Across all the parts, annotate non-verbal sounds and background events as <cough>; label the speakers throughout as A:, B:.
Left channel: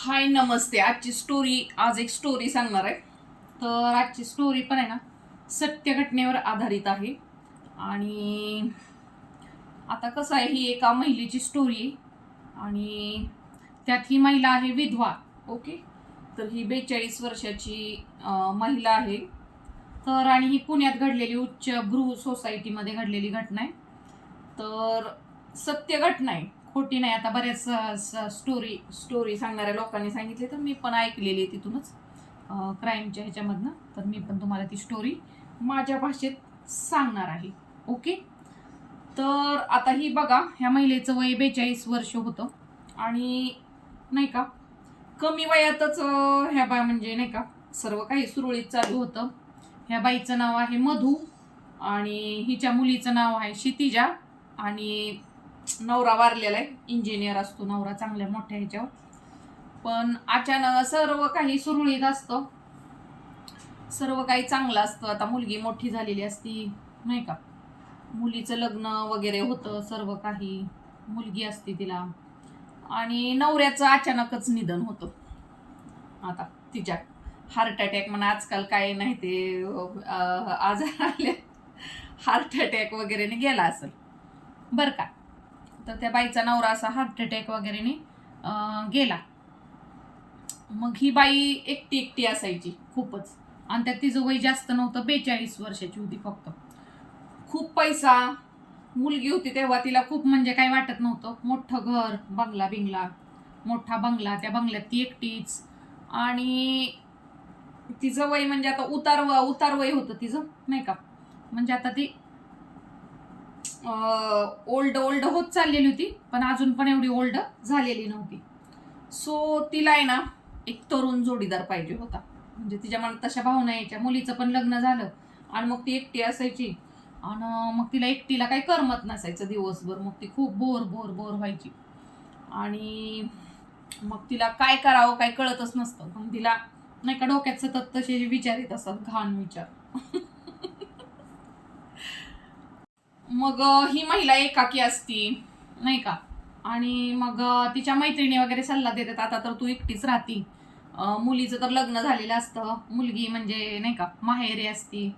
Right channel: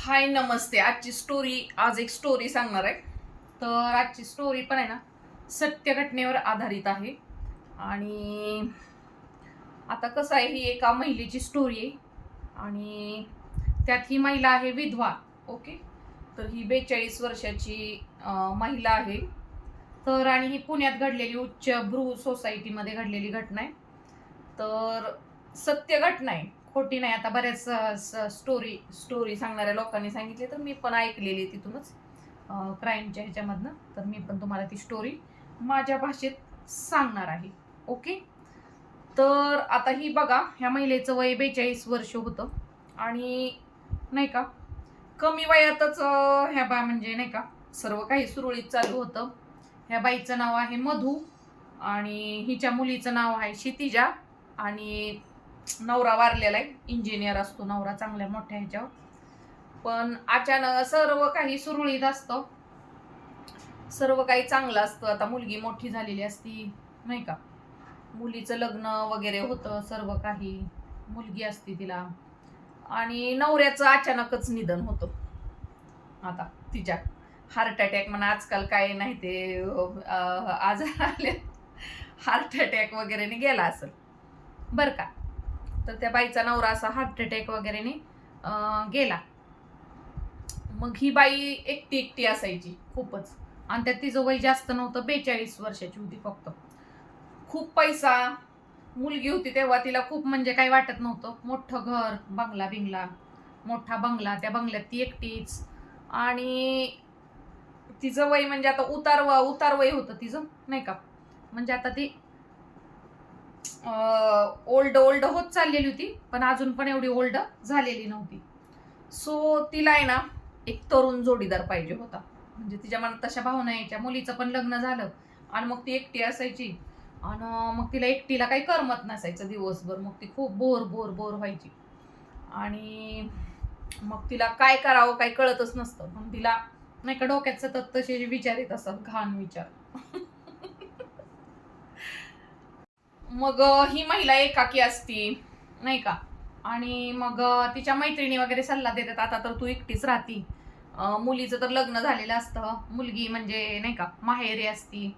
A: हाय नमस्ते. आजची स्टोरी आज एक स्टोरी सांगणार आहे. तर आजची स्टोरी पण आहे ना सत्य घटनेवर आधारित आहे. आणि आता कसं आहे ही एका महिलेची स्टोरी आहे. आणि त्यात ही महिला आहे विधवा ओके तर ही बेचाळीस वर्षाची महिला आहे. तर आणि ही पुण्यात घडलेली उच्च भ्रू सोसायटीमध्ये घडलेली घटना आहे. तर सत्य घटना आहे. खोटी नाही. आता बऱ्याच स्टोरी स्टोरी सांगणाऱ्या लोकांनी सांगितली तर मी पण ऐकलेली आहे तिथूनच. क्राईमच्या ह्याच्यामधनं. तर मी पण तुम्हाला ती स्टोरी माझ्या भाषेत सांगणार आहे. ओके तर आता ही बघा ह्या महिलेचं वय बेचाळीस वर्ष होतं. आणि नाही का कमी वयातच ह्या बा म्हणजे नाही का सर्व काही सुरळीत चालू होतं. ह्या बाईचं नाव आहे मधू आणि हिच्या मुलीचं नाव आहे क्षितिजा आणि नवरा वारलेला आहे. इंजिनियर असतो नवरा चांगल्या मोठ्या ह्याच्यावर. पण अचानक सर्व काही सुरळीत असतं. सर्व काही चांगलं असतं. आता मुलगी मोठी झालेली असती नाही का? मुलीचं लग्न वगैरे होतं सर्व काही. मुलगी असते तिला. आणि नवऱ्याचं अचानकच निधन होतं. आता तिच्या हार्ट अटॅक म्हणा आजकाल काय नाही ते आजार आले. हार्ट अटॅक वगैरेने गेला असेल. बरं का? तर त्या बाईचा नवरा असा हार्ट अटॅक वगैरेने गेला. मग ही बाई एकटी एकटी असायची खूपच. आणि त्यात तिचं वय जास्त नव्हतं बेचाळीस वर्षाची होती फक्त. खूप पैसा मुलगी होती तेव्हा तिला खूप म्हणजे काही वाटत नव्हतं. मोठं घर बंगला बिंगला मोठा बंगला त्या बंगल्यात ती एकटीच. आणि तिचं वय म्हणजे आता उतार उतार वय होतं तिचं नाही का? म्हणजे आता ती ओल्ड ओल्ड होत चाललेली होती पण अजून पण एवढी ओल्ड झालेली नव्हती. सो तिला आहे ना एक तरुण जोडीदार पाहिजे होता. म्हणजे तिच्या मनात तशा भावना यायच्या. मुलीचं पण लग्न झालं आणि मग ती एकटी असायची. आणि मग तिला एकटीला काही करमत नसायचं दिवसभर. मग ती खूप बोर बोर बोर व्हायची. आणि मग तिला काय करावं काय कळतच नसतं. मग तिला नाही का डोक्यात सतत तसे विचार येत असतात घाण विचार. <laughs> मग ही महिला एकाकी असती नाही का? आणि मग तिच्या मैत्रिणी वगैरे सल्ला देतात आता तर तू एकटीच राहती. मुलीचं तर लग्न झालेलं असतं. मुलगी म्हणजे नाही का माहेरी असती.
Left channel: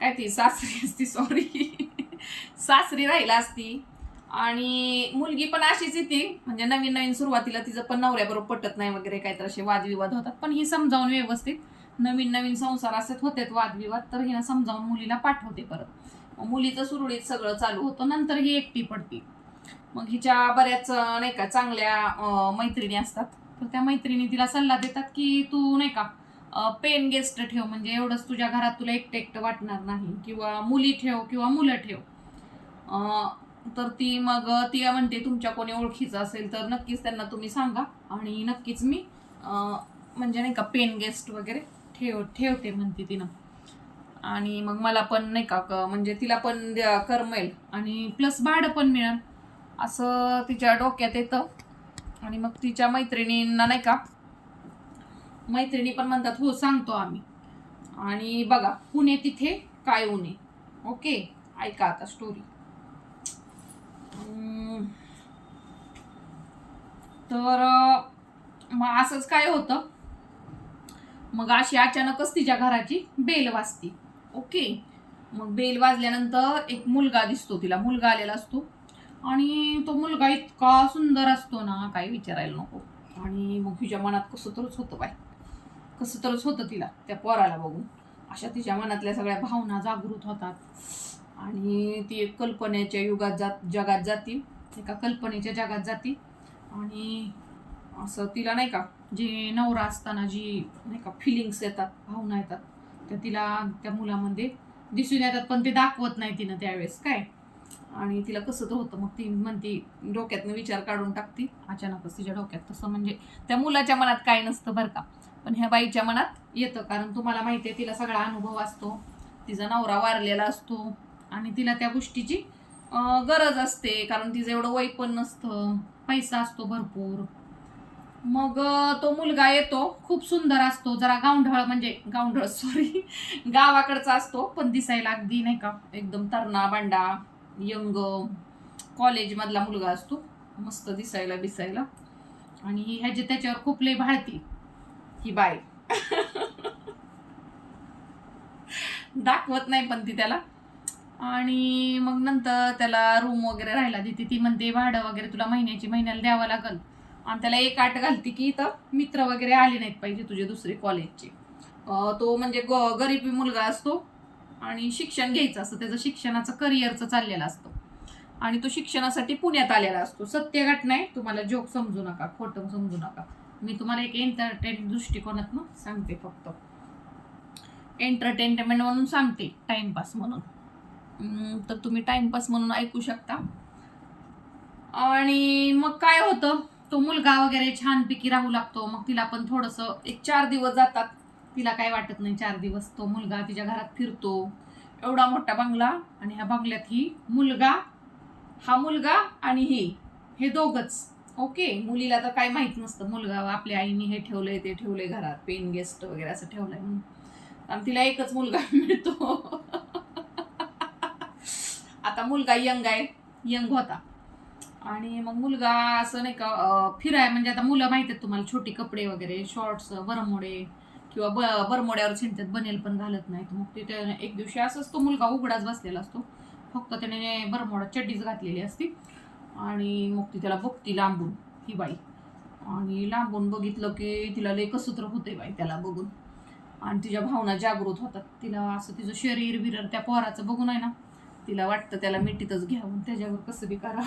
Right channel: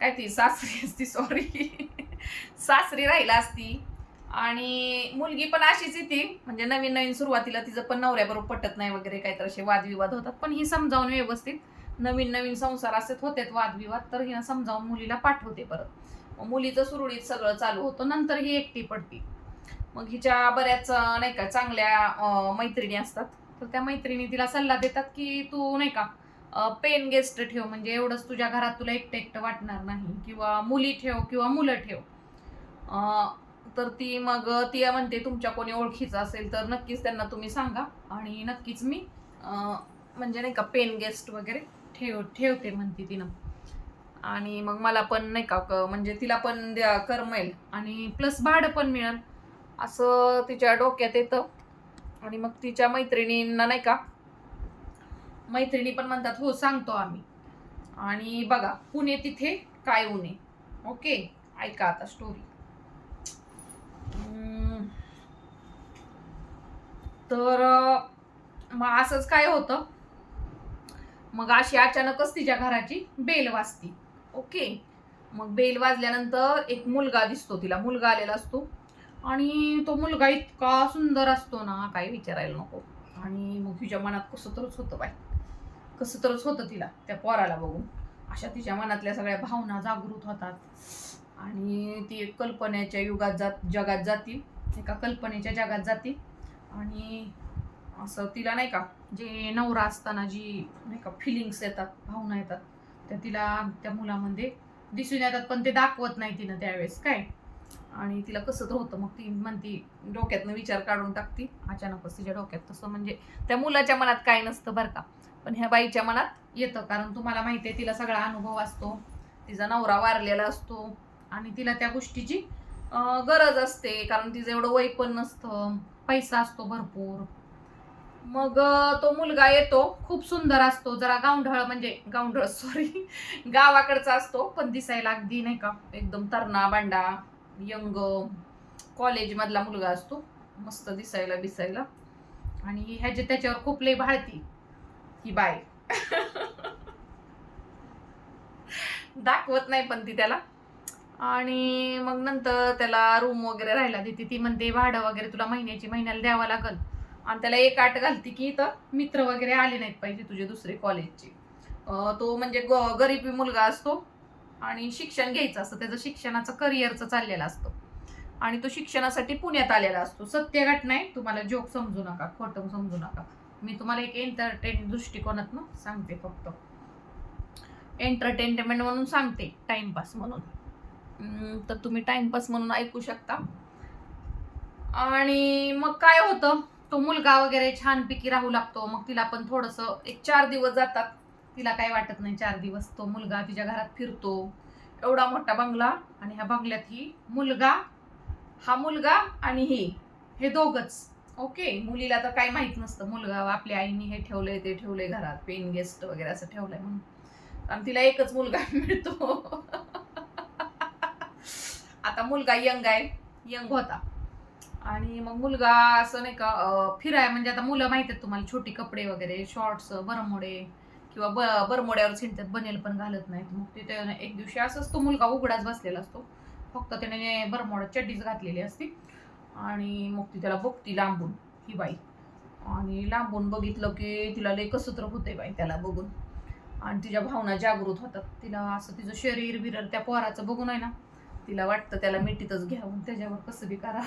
A: काय ती सासरी असती सॉरी <laughs> सासरी राहिला असती. आणि मुलगी पण अशीच येते. म्हणजे नवीन नवीन सुरुवातीला तिचं पण नवऱ्याबरोबर पटत नाही वगैरे काहीतरी असे वादविवाद होतात. पण ही समजावून व्यवस्थित नवीन नवीन संसार असत होते वादविवाद तर हिनं समजावून मुलीला पाठवते परत. मग मुलीचं सुरळीत सगळं चालू होतं. नंतर ही एकटी पडती मग हिच्या बऱ्याच नाही का चांगल्या मैत्रिणी असतात. तर त्या मैत्रिणी तिला सल्ला देतात की तू नाही का पेन गेस्ट ठेव. म्हणजे एवढंच तुझ्या घरात तुला एकटं एकटं वाटणार नाही. किंवा मुली ठेव किंवा मुलं ठेव. तर ती मग ती म्हणते तुमच्या कोणी ओळखीचं असेल तर नक्कीच त्यांना तुम्ही सांगा. आणि नक्कीच मी म्हणजे नाही का पेन गेस्ट वगैरे ठेव ठेवते म्हणते तिनं. आणि मग मला पण नाही का म्हणजे तिला पण द्या- करमेल आणि प्लस भाडं पण मिळेल. असं तिच्या डोक्यात येतं. आणि मग तिच्या मैत्रिणींना नाही का मैत्रिणी पण म्हणतात हो सांगतो आम्ही. आणि बघा पुणे तिथे काय उणे ओके ऐका आता स्टोरी तर मग असंच काय होतं. मग अशी अचानकच तिच्या घराची बेल वाजती. ओके. मग बेल वाजल्यानंतर एक मुलगा दिसतो तिला. मुलगा आलेला असतो. आणि तो मुलगा इतका सुंदर असतो ना काही विचारायला नको. आणि मग तिच्या मनात कसं तरच होतं बाई. कसं तरच होतं तिला त्या पोराला बघून. अशा तिच्या मनातल्या सगळ्या भावना जागृत होतात. आणि ती एक कल्पनेच्या युगात जात जगात जाती. एका कल्पनेच्या जगात जाती. आणि असं तिला नाही का जे नवरा असताना जी नाही का फिलिंग्स येतात भावना येतात त्या तिला त्या मुलामध्ये दिसून येतात पण ते दाखवत नाही तिनं त्यावेळेस काय? आणि तिला कसं तर होतं मग ती म्हणती डोक्यातनं विचार काढून टाकती. अचानकच तिच्या डोक्यात तसं म्हणजे त्या मुलाच्या मनात काय नसतं बरं का. पण ह्या बाईच्या मनात येतं कारण तुम्हाला माहिती आहे तिला सगळा अनुभव असतो. तिचा नवरा वारलेला असतो. आणि तिला त्या गोष्टीची गरज असते कारण तिचं एवढं वय पण नसतं. पैसा असतो भरपूर. मग तो मुलगा येतो. खूप सुंदर असतो. जरा गावंढळ म्हणजे गावंढळ सॉरी गावाकडचा असतो पण दिसायला अगदी नाही का एकदम तरणा बांडा यंग कॉलेजमधला मुलगा असतो. मस्त दिसायला बिसायला. आणि ह्याचे त्याच्यावर खूप लय भाळती ही बाय दाखवत नाही पण ती त्याला. आणि मग नंतर त्याला रूम वगैरे राहायला देते ती म्हणते भाडं वगैरे तुला महिन्याची महिन्याला द्यावं लागल. आणि त्याला एक आठ घालते की इथं मित्र वगैरे आले नाहीत पाहिजे तुझे दुसरे कॉलेजचे तो म्हणजे ग गरीबी मुलगा असतो आणि शिक्षण घ्यायचं असतं. त्याचं शिक्षणाचं करिअरचं चाललेलं असतं. आणि तो शिक्षणासाठी पुण्यात आलेला असतो. सत्य घटना आहे. तुम्हाला जोक समजू नका खोटं समजू नका. मी तुम्हाला एक एंटरटेन दृष्टिकोनातनं सांगते फक्त. एंटरटेनमेंट म्हणून सांगते टाइमपास म्हणून. तर तुम्ही टाइमपास म्हणून ऐकू शकता. आणि मग काय होतं? तो मुलगा वगैरे छानपैकी राहू लागतो. मग तिला पण थोडंसं एक चार दिवस जातात. तिला काय वाटत नाही चार दिवस. तो मुलगा तिच्या घरात फिरतो. एवढा मोठा बंगला आणि ह्या बंगल्यात ही मुलगा हा मुलगा आणि ही हे दोघच. ओके? मुलीला तर काही माहीत नसतं. मुलगा आपल्या आईने हे ठेवलंय ते ठेवलंय घरात. पेन गेस्ट वगैरे असं ठेवलंय म्हणून. आणि तिला एकच मुलगा <laughs> मिळतो. आता मुलगा यंग आहे. यंग होता. आणि मग मुलगा असं नाही का फिराय म्हणजे आता मुलं माहिती आहेत तुम्हाला छोटी कपडे वगैरे शॉर्ट्स बरमोडे किंवा ब बरमोड्यावर छिंटत बनेल पण घालत नाहीत. मग ते एक दिवशी असंच तो मुलगा उघडाच बसलेला असतो. फक्त त्याने बरमोडा चड्डीच घातलेली असती आणि मग ती त्याला बघती लांबून ही बाई. आणि लांबून बघितलं की तिला लय कसत्र होते बाई त्याला बघून. आणि तिच्या भावना जागृत होतात. तिला असं तिचं शरीर बिरर त्या पोहराचं बघून आहे ना तिला वाटतं त्याला मिठीतच घ्यावं त्याच्यावर कसं बी करा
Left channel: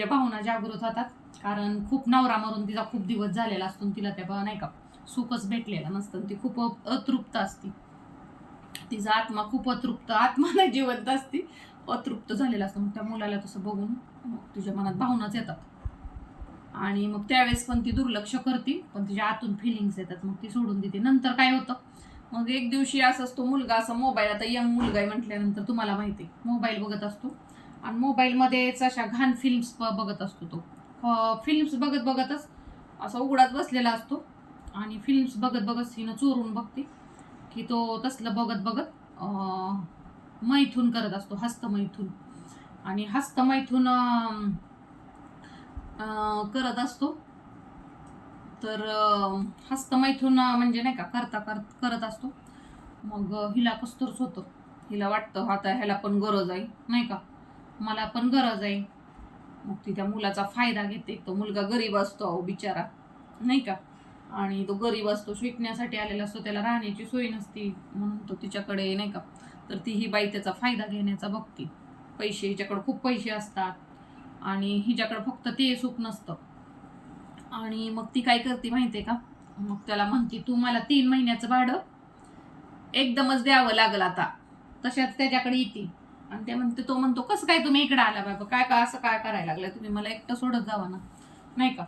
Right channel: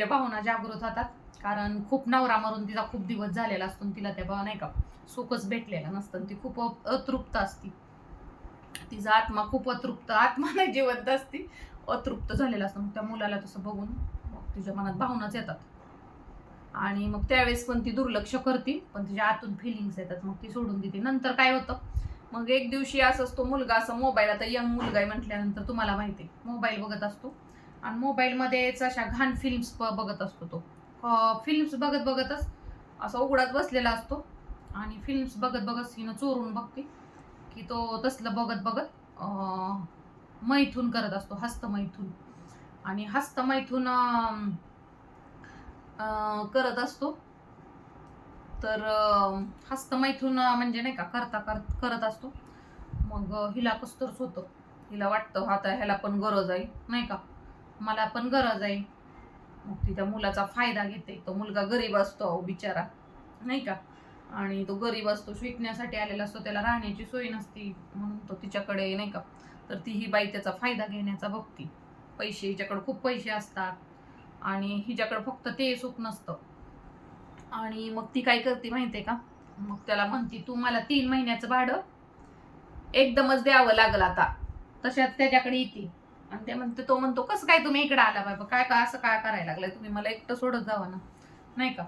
A: तिच्या भावना जागृत होतात. कारण खूप नवरा मरून तिचा खूप दिवस झालेला असतो आणि तिला त्या बा- नाही का सुखच भेटलेला नसतं आणि ती खूप अतृप्त असती. तिचा आत्मा खूप अतृप्त आत्मा नाही जिवंत असती. अतृप्त झालेला असतो. मग त्या मुलाला तसं बघून मग तुझ्या मनात भावनाच येतात. आणि मग त्यावेळेस पण ती दुर्लक्ष करते पण तिच्या आतून फिलिंग्स येतात. मग ती सोडून देते. नंतर काय होतं? मग एक दिवशी असंच तो मुलगा असा मोबाईल आता यंग मुलगा आहे म्हटल्यानंतर तुम्हाला माहिती आहे. मोबाईल बघत असतो. आणि मोबाईलमध्येच अशा घाण फिल्म्स बघत असतो तो. फिल्म्स बघत बघतच असा उघडात बसलेला असतो. आणि फिल्म्स बघत बघत हिनं चोरून बघते. की तो तसलं बघत बघत मैथून करत असतो हस्तमैथून आणि हस्तमैथून करत असतो. तर हस्तमैथून म्हणजे नाही का करता करत करत असतो. मग हिला कस्तूरच होतं. हिला वाटतं आता ह्याला पण गरज आहे नाही का? मला पण गरज आहे. मग ती त्या मुलाचा फायदा घेते. तो मुलगा गरीब असतो अहो बिचारा. नाही का? आणि तो गरीब असतो शिकण्यासाठी आलेला असतो त्याला राहण्याची सोय नसती म्हणून तो तिच्याकडे नाही का? तर ती ही बाई त्याचा फायदा घेण्याचा बघती. पैसे हिच्याकडे खूप पैसे असतात. आणि हिच्याकडे फक्त ते सुख नसतं. आणि मग ती काय करते माहितीये का? मग त्याला म्हणती तू मला तीन महिन्याचं भाडं एकदमच द्यावं लागलं आता. तशाच त्याच्याकडे येते. आणि ते म्हणते तो म्हणतो कसं काय तुम्ही इकडे आला बाबा? काय काय असं काय करायला लागलंय? तुम्ही मला एकटं सोडत जावा ना. नाही का?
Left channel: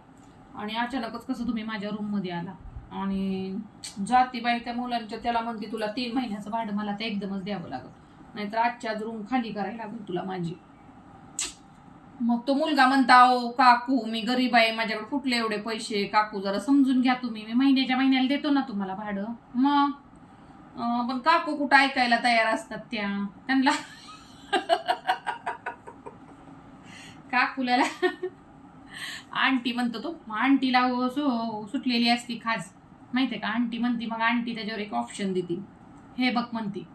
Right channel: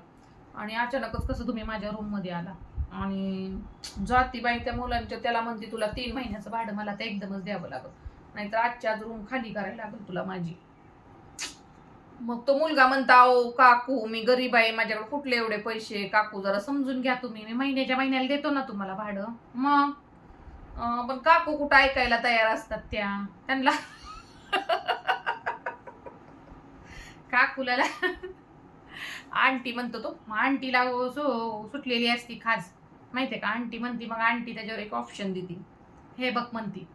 A: आणि अचानकच कसं तुम्ही माझ्या रूममध्ये आला. आणि जातीबाई त्या मुलांच्या त्याला म्हणते तुला तीन महिन्याचं भाडं मला ते एकदमच द्यावं लागल. नाहीतर आजची आज रूम खाली करायला लागल तुला माझी. मग तो मुलगा म्हणता ओ काकू मी गरीब आहे. माझ्याकडे कुठले एवढे पैसे काकू जरा समजून घ्या तुम्ही. मी महिन्याच्या महिन्याला देतो ना तुम्हाला भाडं. मग पण काकू कुठं ऐकायला तयार असतात त्या? त्यांना काकूला आंटी म्हणतो तो आंटीला सो सु- सुटलेली असती खाज आहे का? आंटी म्हणती मग आंटी त्याच्यावर एक ऑप्शन देते. हे बघ म्हणती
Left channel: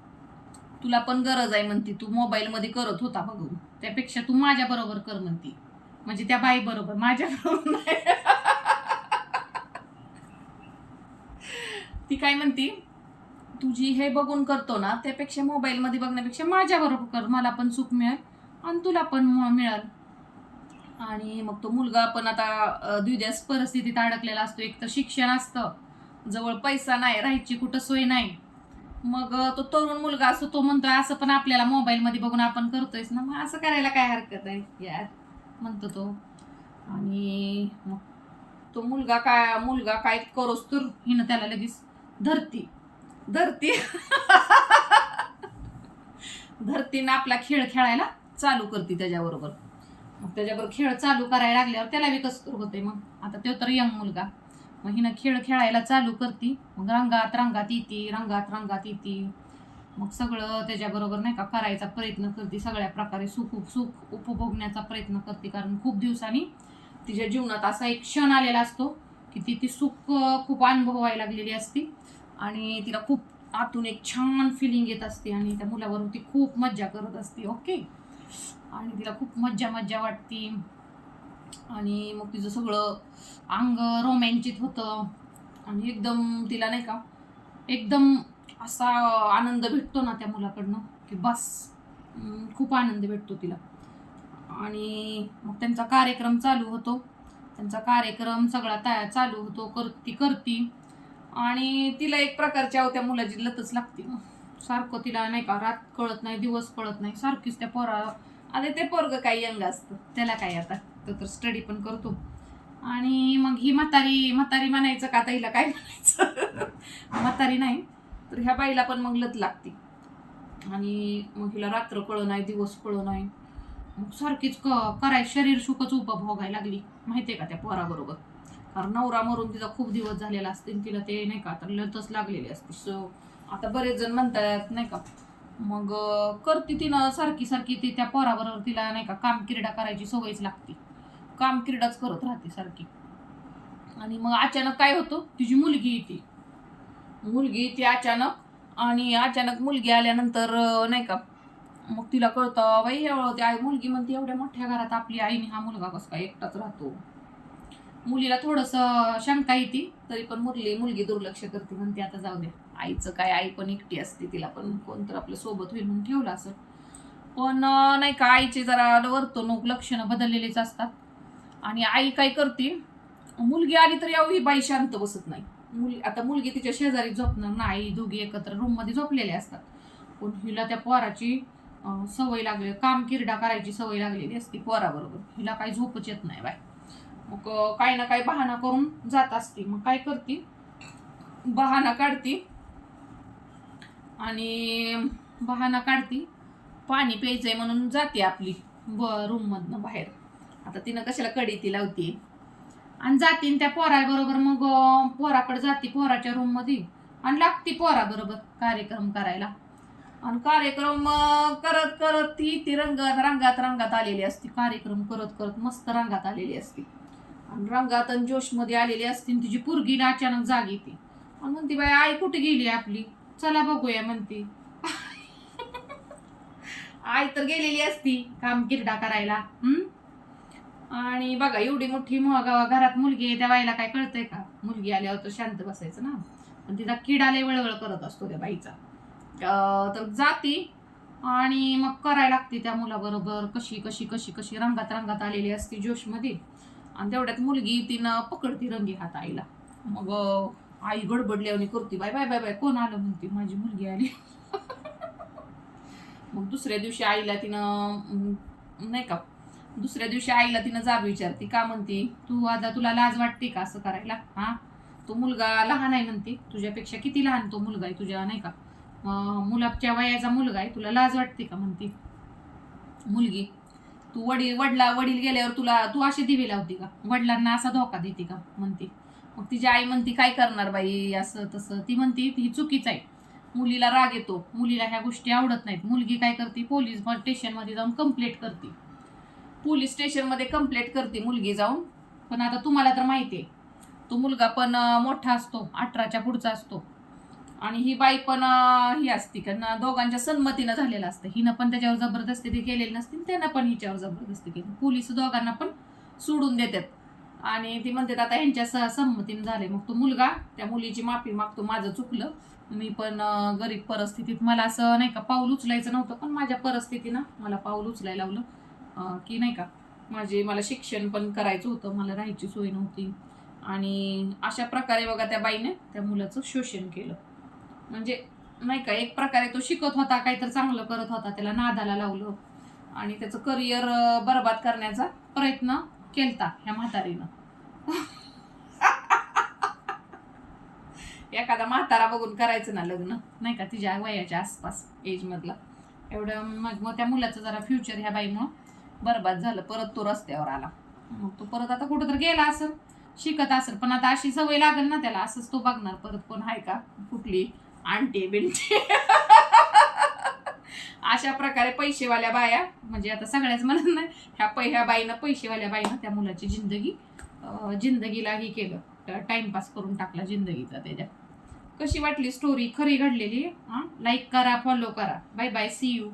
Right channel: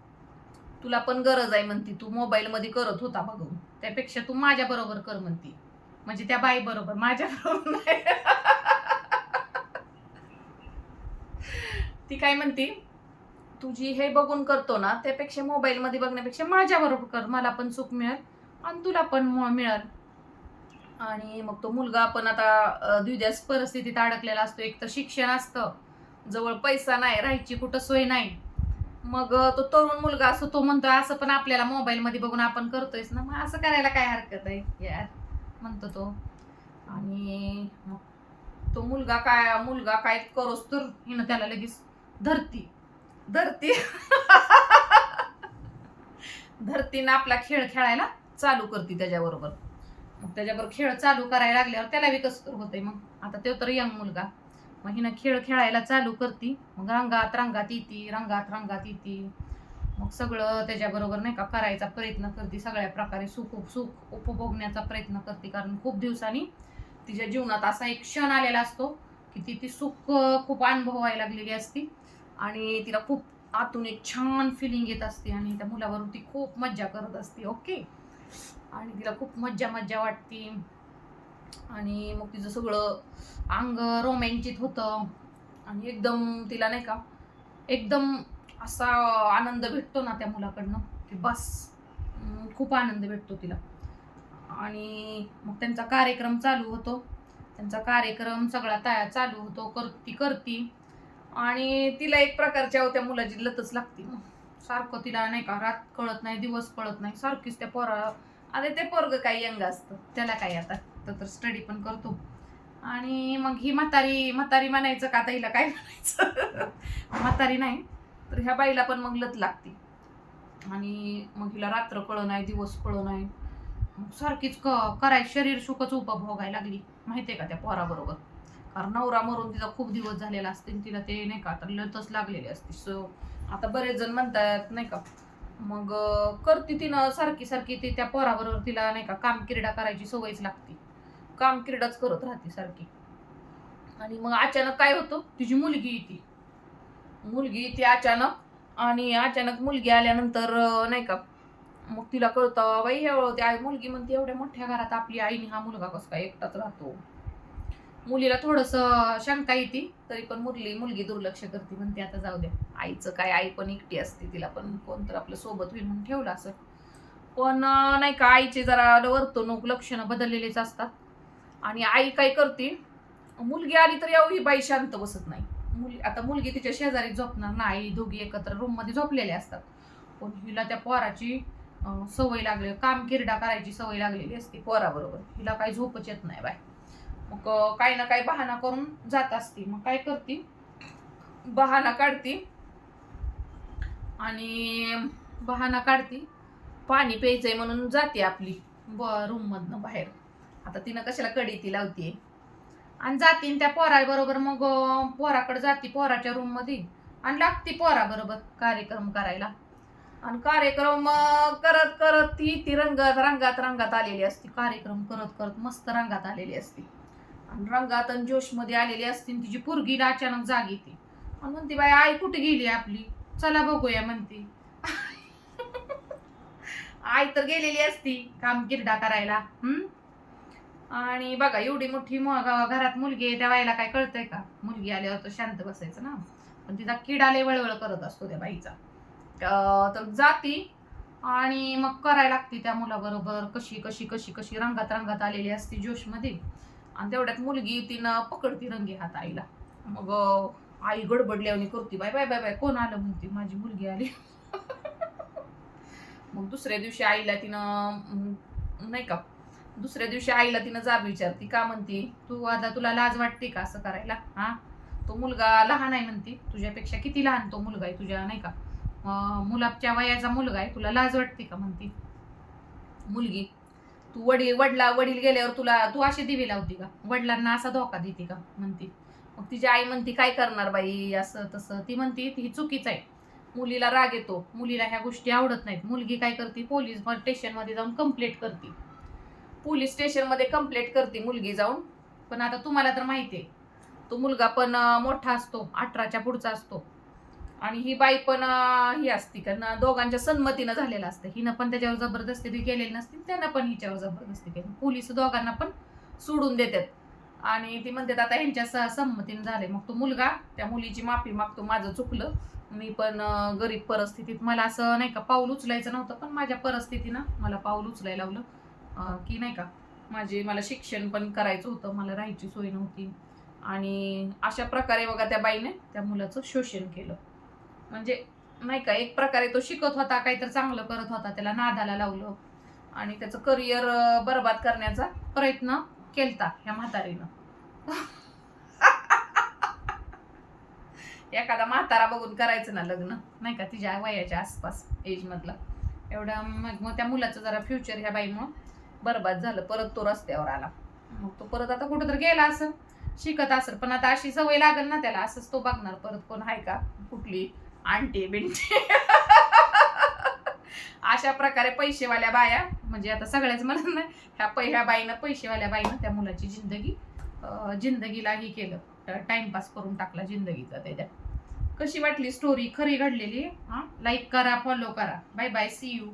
A: तुला पण गरज आहे म्हणती तू मोबाईलमध्ये करत होता बघून त्यापेक्षा तू माझ्याबरोबर कर म्हणती. म्हणजे त्या बाई बरोबर माझ्या नाही. ती काय म्हणती तुझी हे बघून करतो ना त्यापेक्षा मोबाईलमध्ये बघण्यापेक्षा माझ्याबरोबर कर मला पण सुख मिळेल आणि तुला पण म- मिळेल. आणि मग तो मुलगा पण आता अं, द्विध्यास परिस्थितीत अडकलेला असतो. एक तर शिक्षण असतं जवळ पैसा नाही राहायची कुठं सोय नाही. मग तो तरुण मुलगा असतो तो म्हणतो असं पण आपल्याला मोबाईलमध्ये बघून आपण करतोयच ना मग असं करायला काय हरकत आहे? यार म्हणतो तो. आणि मग तो मुलगा काय मुलगा काय करोस तर हिनं त्याला लगेच धरती. धरती. धरतीनं आपला खेळ खेळायला चालू करते त्याच्याबरोबर. मग त्याच्याबरोबर खेळ चालू करायला लागल्यावर त्याला विकसित होते मग. आता तो तर यंग मुलगा. मग हिनं खेळ खेळायला चालू करती. मग रंगात रंगात येते रंगात रंगात येते. मग सगळं त्याच्याबरोबर नाही का करायचा प्रयत्न करते. सगळ्या प्रकारे सुख सुख उपभोगण्याचा प्रयत्न करते. कारण खूप दिवसांनी तिच्या जीवनात असा एक क्षण आलेला असतो की ती ती सुख खूप अनुभवायला लागलेली असती. आणि तिला खूप आतून एक छान फिलिंग येत असते आणि त्या मुलावरून ती खूप मज्जा करत असते ओके आणि तिला खूप मज्जा मज्जा वाटते. आणि मग तिचं सगळं अंग रोमॅन्चित होतं. आणि एकदम तिला नाही का एकदम असा आनंद भेटतो ना त्या मुलाकडनं की बस खूप आनंद भेटतो तिला. आणि मग त्यांचा कार्यक्रम चालू होतो. त्यांचा कार्यक्रम सगळा तयार चालू होतो. कर ती करती. आणि तिला एक प्रकारच्या अहो त्या मुलाची लतच लागते. मग सारखं तिला नाही का रात कळत नाही दिवस कळत नाही. सारखीच त्या पोरा आता ते पोरग काही यंग असतं. त्याला काय आता? तो तर स्टडी पण करतो. आणि मग ही म्हातारी म्हातारी म्हणायचं का आता हिला काय म्हणायचं? <laughs> म्हातारी नाही तर ह्या बाईला पण मग लत लागते. आणि मग हिला रात्र कळ नाही दिवस कळ नाही मग सारखीच क कराय शरीर सुखच उपभोगायला लागली. माहिती आहे का त्या पोराबरोबर? कारण नवरा मरून तिचा खूप दिवस झालेला असते आणि तिला ते नाही का आता लतच लागलेली असते. सो आता बरेच जण म्हणतात नाही का मग करते तिनं सारखी सारखी ती त्या पोराबरोबर तिला नाही का काम क्रीडा करायची सवयच लागते. काम क्रीडाच करत राहते सारखी. आणि मग अचानक काय होतं तिची मुलगी येते. मुलगी येते अचानक आणि अचानक मुलगी आल्यानंतर नाही का मग तिला कळतं बाई एवढं त्या मुलगी म्हणते एवढ्या मोठ्या घरात आपली आईने हा मुलगा कसं काय एकटाच राहतो? मुलीला थोडंसं शंका येते तरी पण मुरली मुलगी दुर्लक्ष करते म्हणते आता जाऊ द्या. आईचं काय आई पण एकटी असते तिला पण कोणतर आपलं सोबत होईल म्हणून ठेवलं असं. पण नाही का आईचे जरा वर्तणूक लक्षणं बदललेलेच असतात. आणि आई काय करते मुलगी आली तर यावं ही बाई शांत बसत नाही. मुल आता मुलगी तिच्या शेजारी झोपणार नाही दोघी एकत्र रूममध्ये झोपलेले असतात. पण हिला त्या पोराची सवय लागली काम किरडा करायची सवय लागलेली असते पोराबरोबर. हिला काही झोपच येत नाही बाय मग काही ना काही बहाणा करून जात असते. मग काय करते? बहाणा काढते. आणि बहाणा काढते. पाणी प्यायचंय म्हणून जाते आपली. ब रूममधनं बाहेर. आता तिनं कशाला कडी ती लावते आणि जाते आणि त्या पोराबरोबर मग पोराकडे जाते पोराच्या रूममध्ये. आणि लागते पोराबरोबर कार्यक्रम करायला. आणि कार्यक्रम करत करत ती ती रंगात रंगात रंगात आलेली असते. कार्यक्रम करत करत मस्त रंगात आलेली असते. रंगात आणि जोशमध्ये आलेली असते तिची पोरगीला अचानक जाग येते. आणि म्हणते बाई आई कुठे गेली आपली? चला बघूया म्हणते. <laughs> आई तर गेलेली असती काम किरडा करायला. आणि बघा एवढी मोठी घरात मुलगी आहे त्या बाईला काय कळतंय का? मुलगी आल्यावर तर शांत बसायचं ना. पण तिचा किडाले वळवळ करत असतो त्या बाईचा. तर जाती आणि मग करायला लागते त्या मुलाबरोबर. कशी कशी कशी कशी रंगात रंगात आलेली असते जोशमध्ये. आणि तेवढ्यात मुलगी तिनं पकडती रंगी हात आईला मग आई आई गडबडल्यावणी करते बाय बाय बाय बाय कोण आलं? म्हणते माझी मुलगी आली. <laughs> मग दुसऱ्या दिवशी आईला तिनं नाही का दुसऱ्या दिवशी आईला तिनं जाब विचारते का? म्हणते तू आता तुला लाज वाटते का असं करायला? हा तो मुलगा लहान आहे म्हणते तुझ्यापेक्षा किती लहान तो मुलगा आहे तुझ्या नाही का मुलाच्या वयाचा मुलगा आहे तुला लाज वाटते का? म्हणते. मुलगी तू वडील वडला वडील गेल्यावर तुला तू अशी दिवी लावती का? वडिलांना असा धोका देते का? म्हणते. मग तिची आई म्हणती काय करणार बाई? असं तसं. ती म्हणते ही चुकीचं आहे. मुलीला राग येतो. मुलीला ह्या गोष्टी आवडत नाहीत. मुलगी काय करते? पोलीस स्टेशनमध्ये जाऊन कंप्लेंट करते. पोलीस स्टेशनमध्ये कंप्लेंट करते मुलगी जाऊन. पण आता तुम्हाला तर माहिती आहे. तो मुलगा पण मोठा असतो. अठराच्या पुढचा असतो. आणि ही बाई पण ही असती. कारण दोघांच्या संमतीनं झालेलं असतं. हिनं पण त्याच्यावर जबरदस्ती ती केलेली नसतील त्यानं पण हिच्यावर जबरदस्ती केली. पोलीस दोघांना पण सोडून देतात. आणि ती म्हणतात आता ह्यांच्या स- संमतीनं झाले मग तो मुलगा त्या मुलीची माफी मागतो माझं चुकलं. मी पण गरीब परिस्थितीत मला असं नाही का पाऊल उचलायचं नव्हतं पण माझ्या परिस्थितीनं मला पाऊल उचलायला लावलं. की नाही का माझे मला शिक्षण पण करायचं होतं मला राहायची सोय नव्हती. आणि अशा प्रकारे बघा त्या बाईने त्या मुलाचं शोषण केलं. म्हणजे नाही का एक प्रकारे तो शिकत होता काहीतरी चांगलं करत होता त्याला नादाला लावलं. आणि त्याचं करिअर बरबाद करण्याचा प्रयत्न केलता ह्या म्हातारीनं. <laughs> एखादा म्हातारा बघून करायचं ना लग्न नाही का तिच्या वयाच्या आसपास एजमधला एवढं मग मग त्या मुलाचं जरा फ्युचर ह्या बाईमुळं बरबाद झालं परत तो रस्त्यावर आला. मग तो परत आता कुठं तर गेला असं शिकत असेल पण आता अशी सवय लागेल ना त्याला असंच तो बघणार परत कोण आहे का कुठली. आंटी बिनते अशा प्रकारे पैसेवाल्या बाया म्हणजे आता सगळ्याच म्हणत नाही ह्या पै ह्या बाईनं पैसेवाल्या बाईनं त्या मुलाची जिंदगी जिंदगीला हे केलं. टाइमपास करून टाकला जिंदगीचा त्याच्या. कशी वाटली स्टोरी खरी घडलेली हां? लाईक करा फॉलो करा. Bye bye C you